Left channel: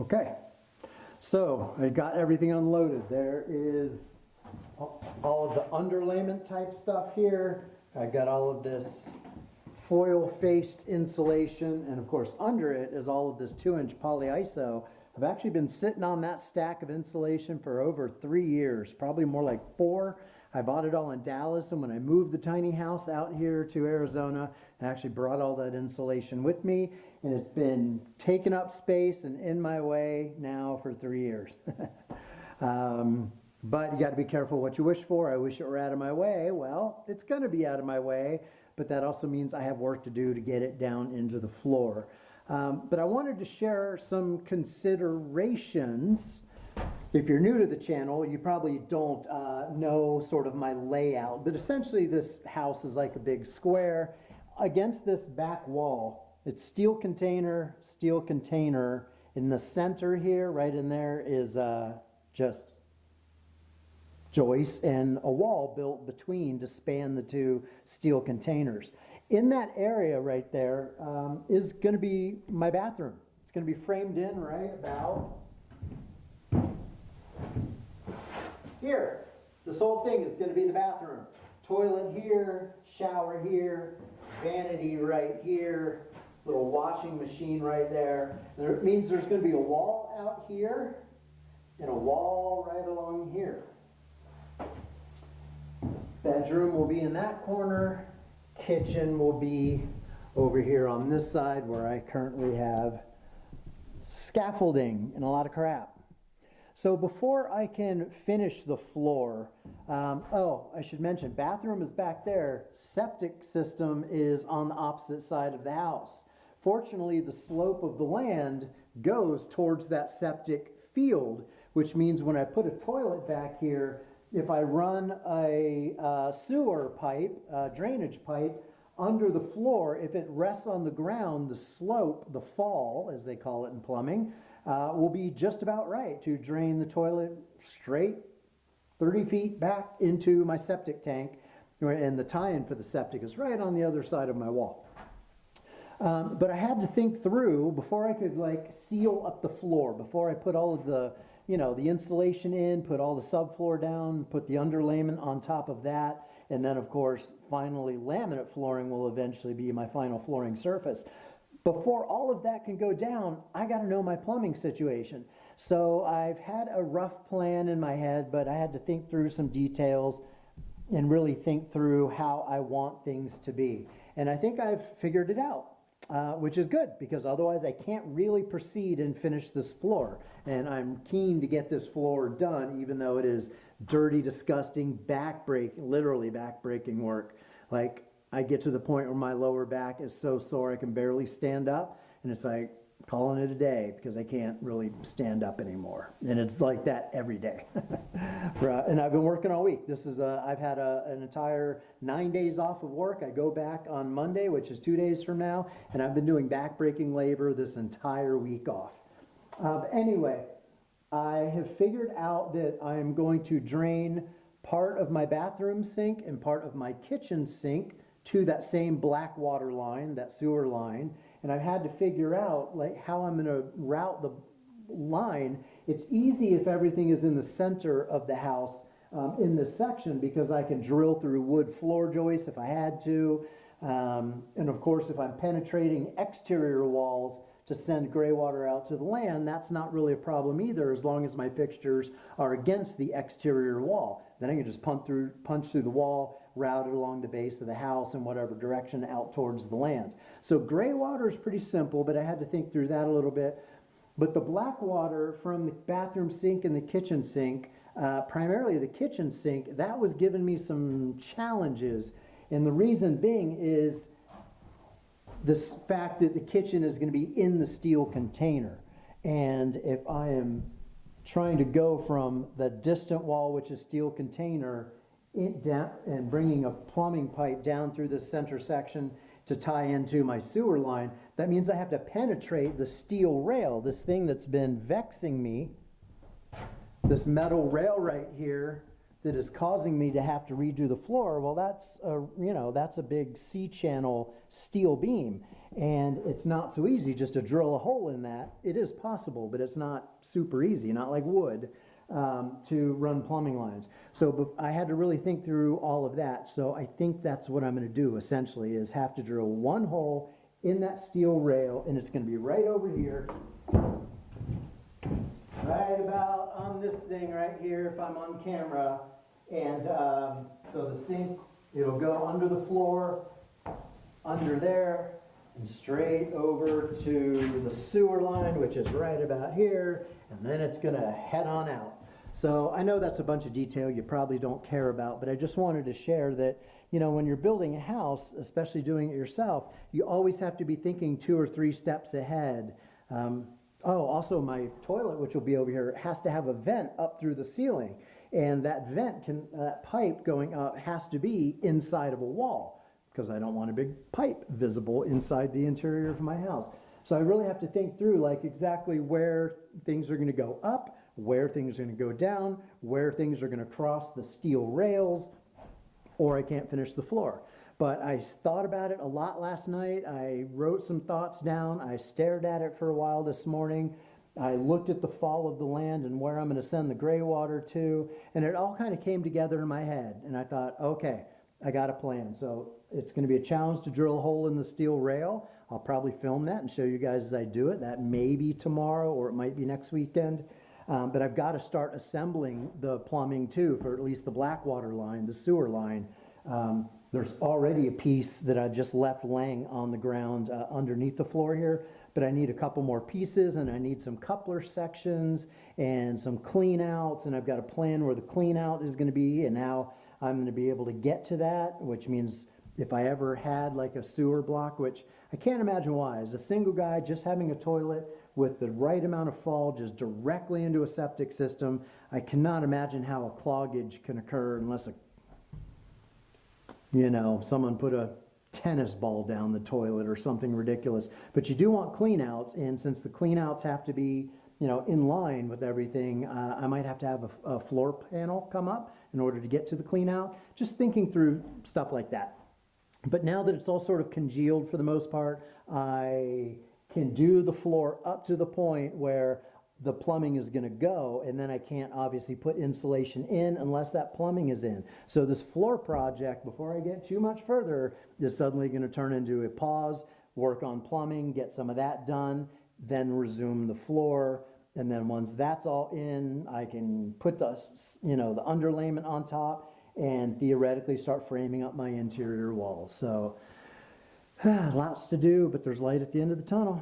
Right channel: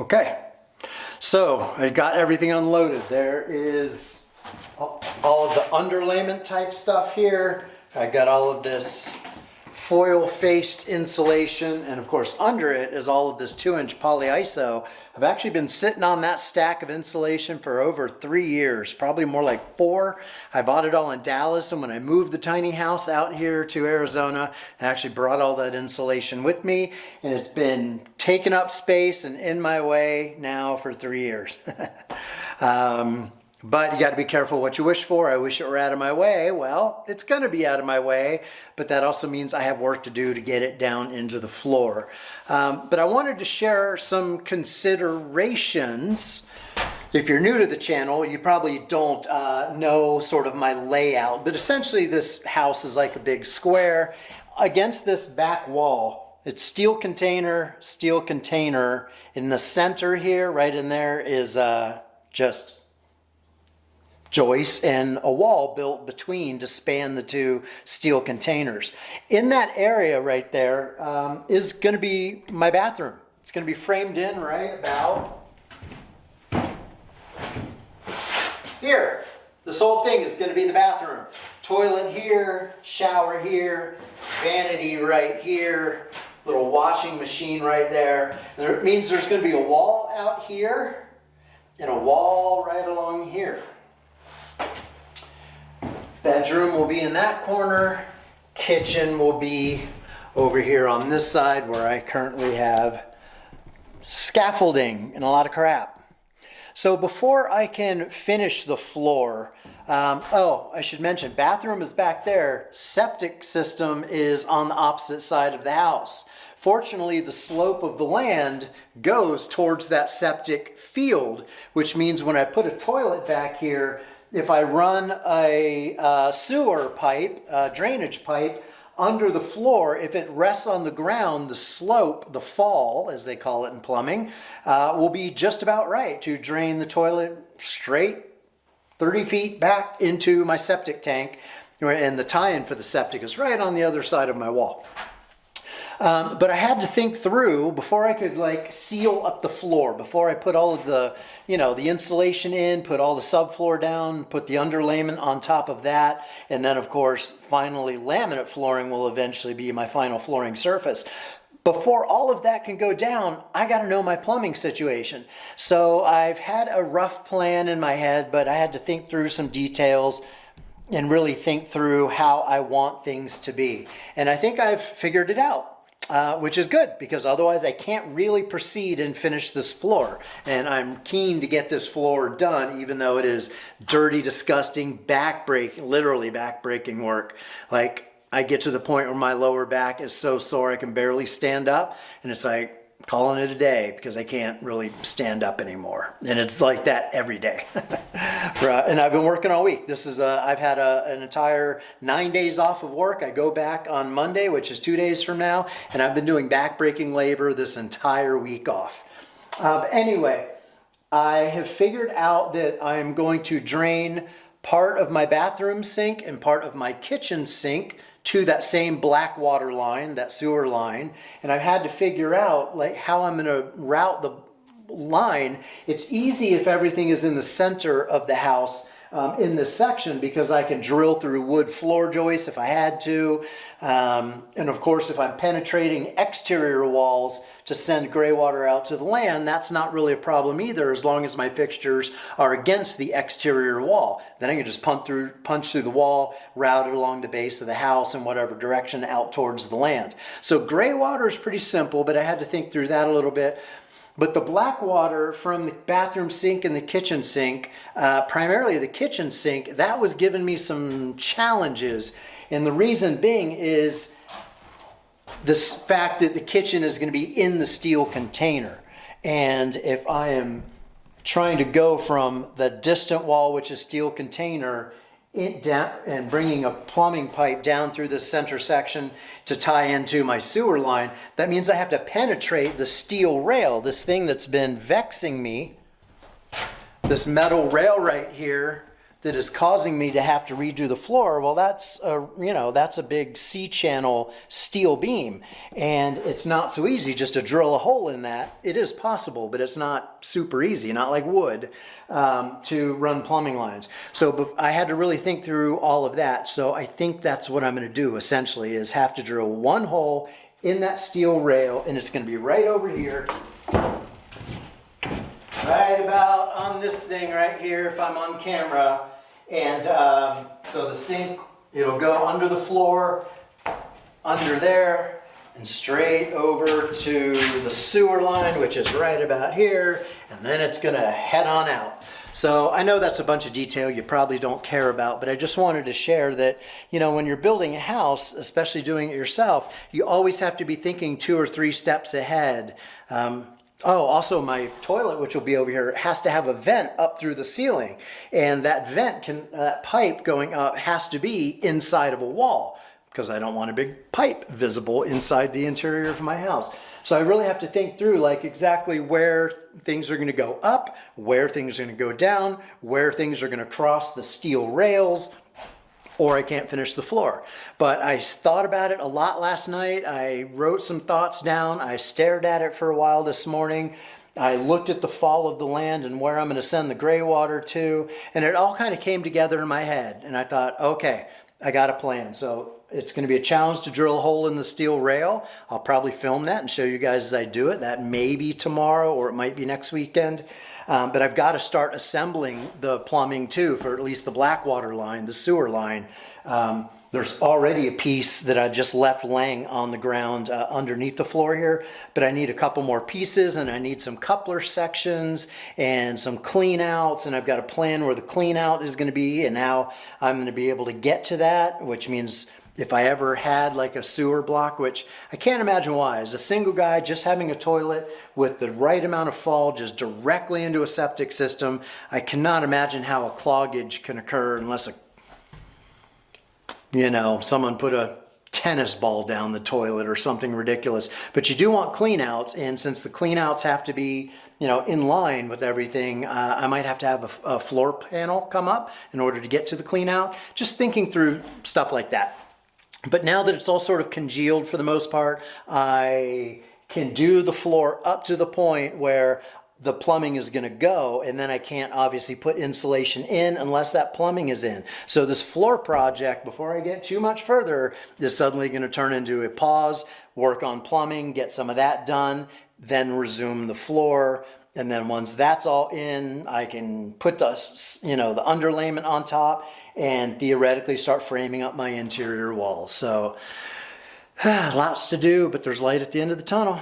Okay, so I got everything unloaded. There is all of the underlayment type stuff here. I got all of this foil faced insulation, and of course under it is all of this 2-inch polyiso. I've actually been sitting on that stack of insulation for over 3 years, probably more like 4. I bought it all in Dallas, and when I moved the tiny house out here to Arizona, I actually brought all that insulation with me, and it's been taking up space and in my way now for 3 years. But you got to be careful what you wish for. I wish it were out of my way. Well, it's going to be out of my way, but that also means I have work to do to get it down into the floor. But I wanted to share some considerations. If you're new to the channel, you probably don't know sort of my layout, but essentially this house is like a big square. Against this back wall, it's steel container. In the center here, right in there, is just joists and a wall built between to span the 2 steel containers. In that area right there is going to be my bathroom. It's going to be framed in right about here. This whole thing is going to be the bathroom. Toilet here, shower here, vanity right here, little washing machine right there. It means there's going to be a wall out here and a wall right along here. Bedroom will be in that corner. Kitchen will be over here on this side where I currently have scaffolding and a lot of crap. So before I can finish the floor, I should mention, bathroom is back there. Septic system is on the opposite side of the house. Fortunately, the slope of the land goes towards that septic field, which means when I put a toilet back here, if I run a sewer pipe, drainage pipe, under the floor, if it rests on the ground, the slope, the fall, as they call it in plumbing, will be just about right to drain the toilet straight 30 feet back into my septic tank. And the tie-in for the septic is right on the other side of my wall. But I had to think through before I could seal up the floor, before I put all of the, the insulation in, put all the subfloor down, put the underlayment on top of that. And then of course, finally laminate flooring will eventually be my final flooring surface. Before all of that can go down, I got to know my plumbing situation. So I've had a rough plan in my head, but I had to think through some details and really think through how I want things to be. And I think I've figured it out. Which is good, because otherwise I can't really proceed and finish this floor. And I'm keen to get this floor done, even though it is dirty, disgusting, literally back-breaking work. I get to the point where my lower back is so sore I can barely stand up, and it's like calling it a day because I can't really stand up anymore. And it's like that every day. And I've been working all week. I've had an entire 9 days off of work. I go back on Monday, which is 2 days from now, and I've been doing back-breaking labor this entire week off. Anyway, I have figured out that I'm going to drain part of my bathroom sink and part of my kitchen sink to that same black water line, that sewer line. And I've had to figure out how I'm going to route the line. It's easy if everything is in the center of the house in this section, because I can drill through wood floor joists if I had to. And of course, if I'm penetrating exterior walls to send gray water out to the land, that's not really a problem either, as long as my fixtures are against the exterior wall. Then I can just punch through the wall, route it along the base of the house in whatever direction out towards the land. So gray water is pretty simple, but I had to think through that a little bit. But the black water from the bathroom sink and the kitchen sink, primarily the kitchen sink, that was giving me some challenges. And the reason being is this fact that the kitchen is going to be in the steel container. And if I am trying to go from the distant wall, which is steel container, down and bringing a plumbing pipe down through the center section to tie into my sewer line, that means I have to penetrate the steel rail, this thing that's been vexing me, this metal rail right here that is causing me to have to redo the floor, well, that's a big C-channel steel beam, and it's not so easy just to drill a hole in that. It is possible, but it's not super easy, not like wood, to run plumbing lines. So I had to really think through all of that. So I think that's what I'm going to do essentially, is have to drill one hole in that steel rail, and it's going to be right over here. Right about on this thing right here if I'm on camera. And so the sink, it'll go under the floor, under there, and straight over to the sewer line, which is right about here, and then it's gonna head on out. So I know that's a bunch of detail you probably don't care about, but I just wanted to share that, you know, when you're building a house, especially doing it yourself, you always have to be thinking 2 or 3 steps ahead. Also my toilet, which will be over here, has to have a vent up through the ceiling. And that that pipe going up has to be inside of a wall, because I don't want a big pipe visible inside the interior of my house. So I really have to think through like exactly where things are going to go up, where things are going to go down, where things are going to cross the steel rails, or I can't finish the floor. But I thought about it a lot last night. I wrote some thoughts down. I stared at it for a while this morning. I looked at the fall of the land and where I'm going to send the gray water to, and it all kind of came together in my head. And I thought, okay, I got a plan. So it's going to be a challenge to drill a hole in the steel rail. I'll probably film that and show you guys as I do it. That may be tomorrow, or it might be next weekend. But I've got to start assembling the plumbing too, for at least the black water line, the sewer line. There's already a piece that I just left laying on the ground underneath the floor here, but I need a couple more pieces, and I need some coupler sections and some clean outs, and I've got a plan where the clean out is going to be and how I'm going to be able to get to that, which means if I ever had like a sewer block, which I can't imagine why, as a single guy just having a toilet with the right amount of fall just directly into a septic system, I cannot imagine how a cloggage can occur unless someone put a tennis ball down the toilet or something ridiculous. But you do want clean outs, and since the clean outs have to be in line with everything, I might have to have a floor panel come up in order to get to the clean out. Just thinking through stuff like that. But now that it's all sort of congealed for the most part, I can do the floor up to the point where the plumbing is going to go, and then I can't obviously put insulation in unless that plumbing is in. So this floor project, before I get too much further, is suddenly going to turn into a pause, work on plumbing, get some of that done, then resume the floor. And then once that's all in, I can put the underlayment on top and theoretically start framing up my interior walls. So lots to do, but there's light at the end of the tunnel.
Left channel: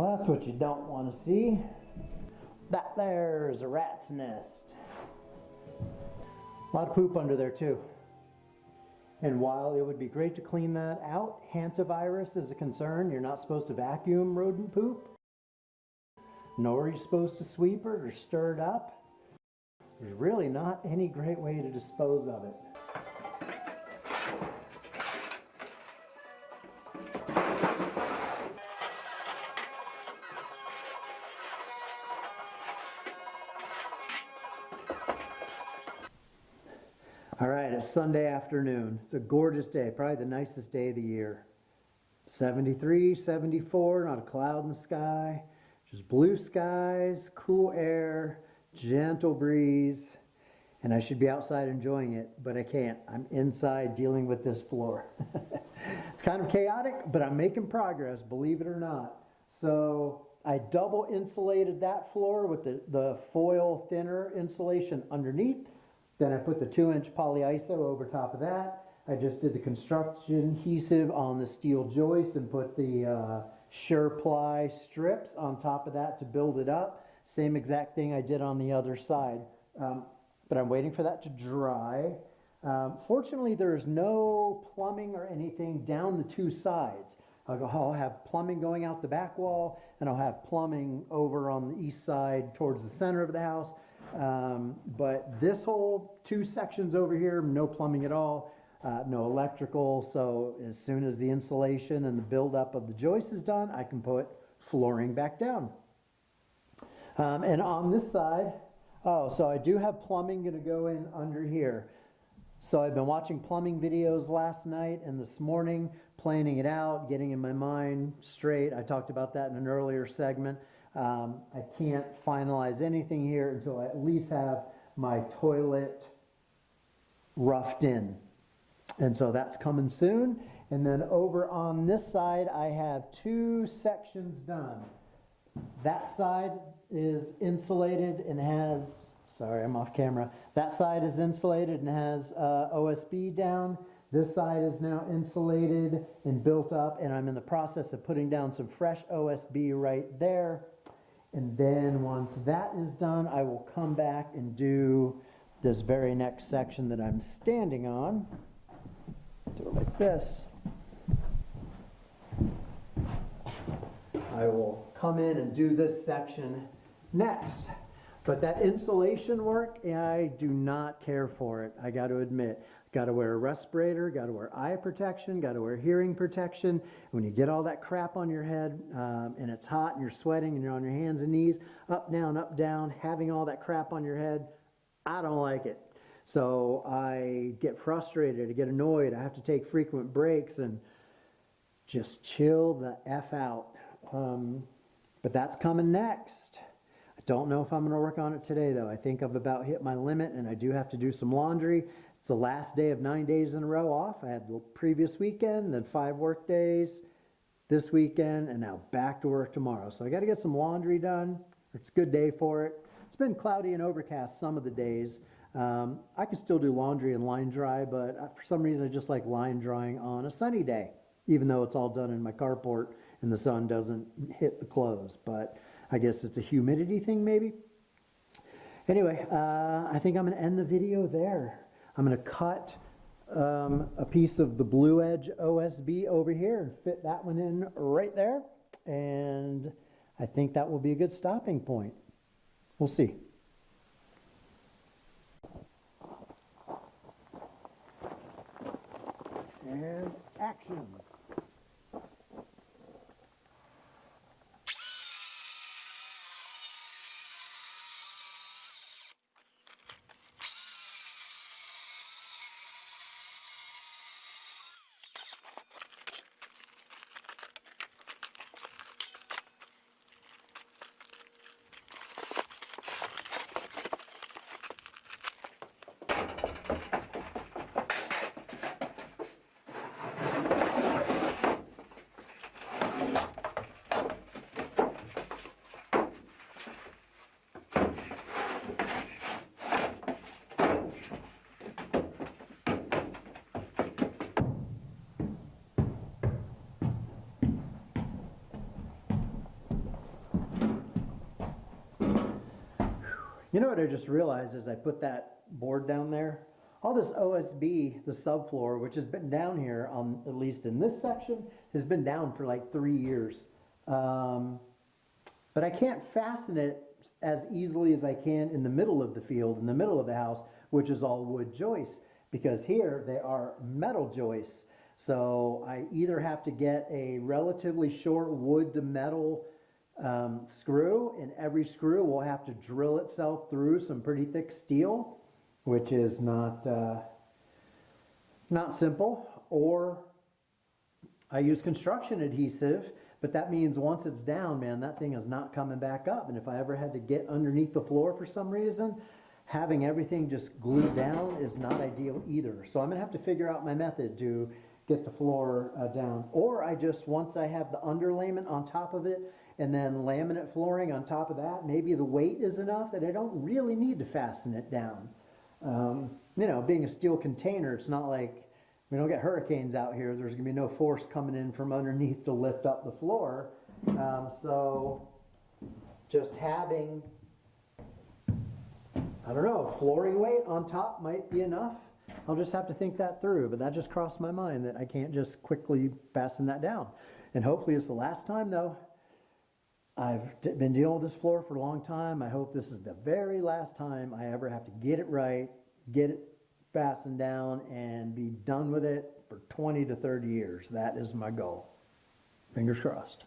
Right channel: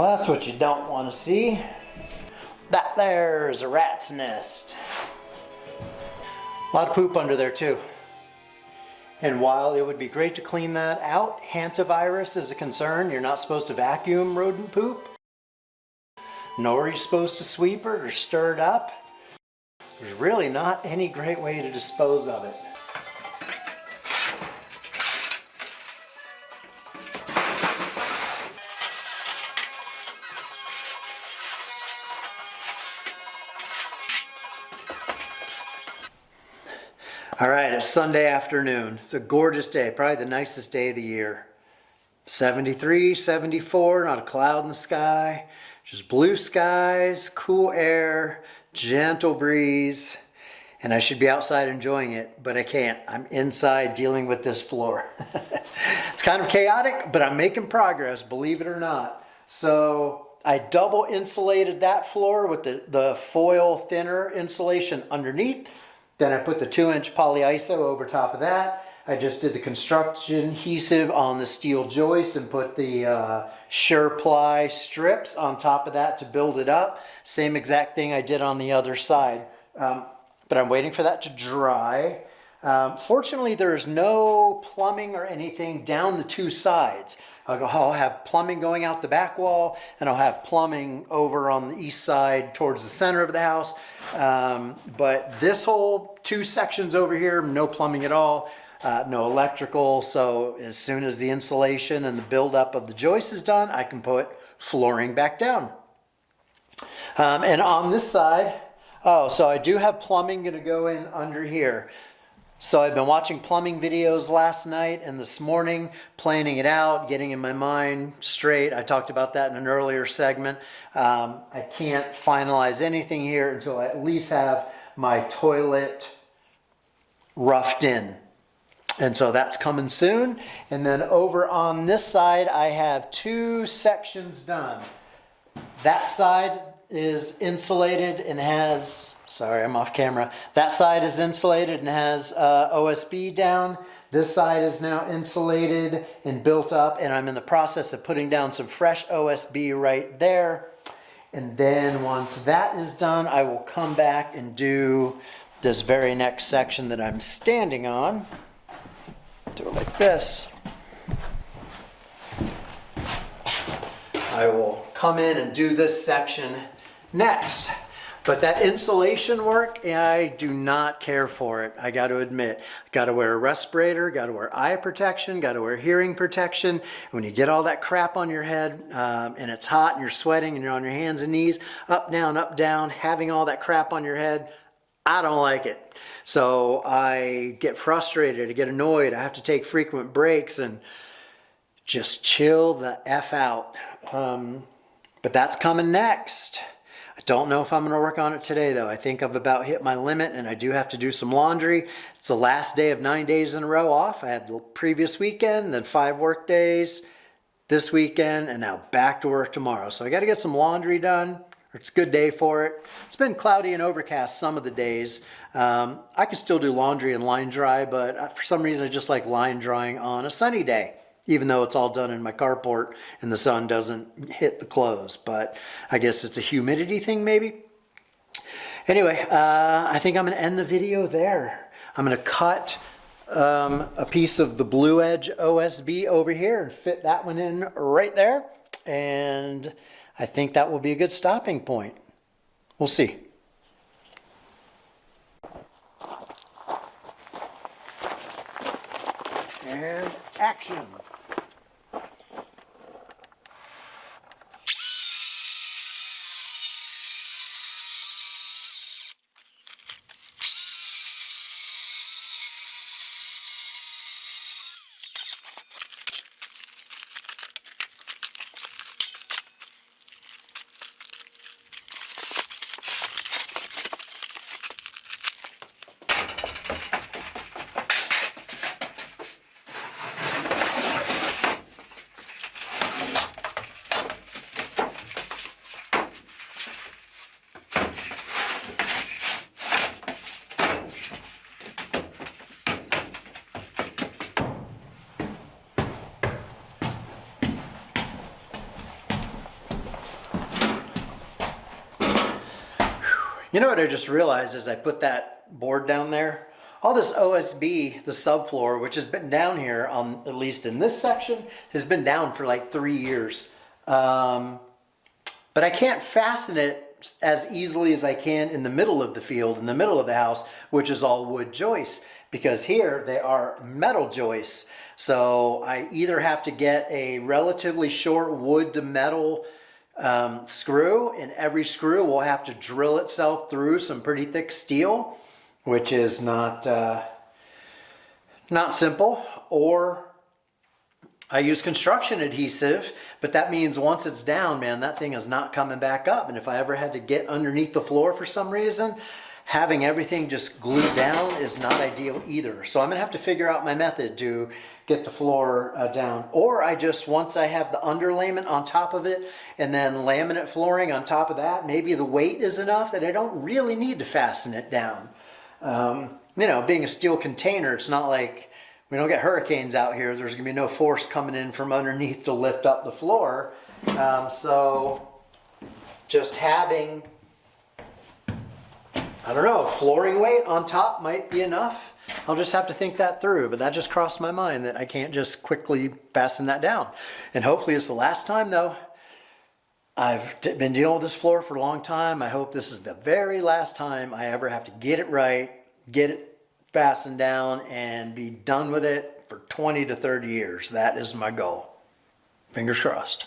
Well, that's what you don't want to see. That there is a rat's nest. A lot of poop under there too. And while it would be great to clean that out, hantavirus is a concern. You're not supposed to vacuum rodent poop, nor are you supposed to sweep it or stir it up. There's really not any great way to dispose of it. All right, it's Sunday afternoon. It's a gorgeous day, probably the nicest day of the year. 73, 74, not a cloud in the sky, just blue skies, cool air, gentle breeze, and I should be outside enjoying it, but I can't. I'm inside dealing with this floor. It's kind of chaotic, but I'm making progress, believe it or not. So I double insulated that floor with the foil thinner insulation underneath. Then I put the 2-inch polyiso over top of that. I just did the construction adhesive on the steel joist and put the sure ply strips on top of that to build it up. Same exact thing I did on the other side. But I'm waiting for that to dry. Fortunately, there's no plumbing or anything down the two sides. I'll have plumbing going out the back wall, and I'll have plumbing over on the east side towards the center of the house. But this whole 2 sections over here, no plumbing at all, no electrical. So as soon as the insulation and the buildup of the joist is done, I can put flooring back down. And on this side, so I do have plumbing going to go in under here. So I've been watching plumbing videos last night and this morning, planning it out, getting in my mind straight. I talked about that in an earlier segment. I can't finalize anything here until I at least have my toilet roughed in. And so that's coming soon. And then over on this side, I have 2 sections done. That side is insulated and has... Sorry, I'm off camera. That side is insulated and has OSB down. This side is now insulated and built up, and I'm in the process of putting down some fresh OSB right there. And then once that is done, I will come back and do this very next section that I'm standing on. Do it like this. I will come in and do this section next. But that insulation work, I do not care for it. I got to admit, got to wear a respirator, got to wear eye protection, got to wear hearing protection. When you get all that crap on your head and it's hot and you're sweating and you're on your hands and knees, up, down, having all that crap on your head, I don't like it. So I get frustrated, I get annoyed, I have to take frequent breaks and just chill the F out. But that's coming next. I don't know if I'm going to work on it today, though. I think I've about hit my limit, and I do have to do some laundry. It's the last day of 9 days in a row off. I had the previous weekend, then 5 work days this weekend, and now back to work tomorrow. So I got to get some laundry done. It's a good day for it. It's been cloudy and overcast some of the days. I can still do laundry and line dry, but for some reason I just like line drying on a sunny day, even though it's all done in my carport and the sun doesn't hit the clothes. But I guess it's a humidity thing maybe. Anyway, I think I'm going to end the video there. I'm going to cut a piece of the Blue Edge OSB over here and fit that one in right there. And I think that will be a good stopping point. We'll see. And action. You know what I just realized as I put that board down there? All this OSB, the subfloor, which has been down here, at least in this section, has been down for like 3 years. But I can't fasten it as easily as I can in the middle of the field, in the middle of the house, which is all wood joists, because here they are metal joists. So I either have to get a relatively short wood to metal screw, and every screw will have to drill itself through some pretty thick steel, which is not simple, or I use construction adhesive, but that means once it's down, man, that thing is not coming back up. And if I ever had to get underneath the floor for some reason, having everything just glued down is not ideal either. So I'm gonna have to figure out my method to get the floor down. Or I just, once I have the underlayment on top of it and then laminate flooring on top of that, maybe the weight is enough that I don't really need to fasten it down. You know, being a steel container, it's not like we don't get hurricanes out here. There's gonna be no force coming in from underneath to lift up the floor. So just having, I don't know, flooring weight on top might be enough. I'll just have to think that through, but that just crossed my mind that I can't just quickly fasten that down. And hopefully it's the last time though. I've been dealing with this floor for a long time. I hope this is the very last time I ever have to get it right, get it fastened down, and be done with it for 20 to 30 years. That is my goal. Fingers crossed.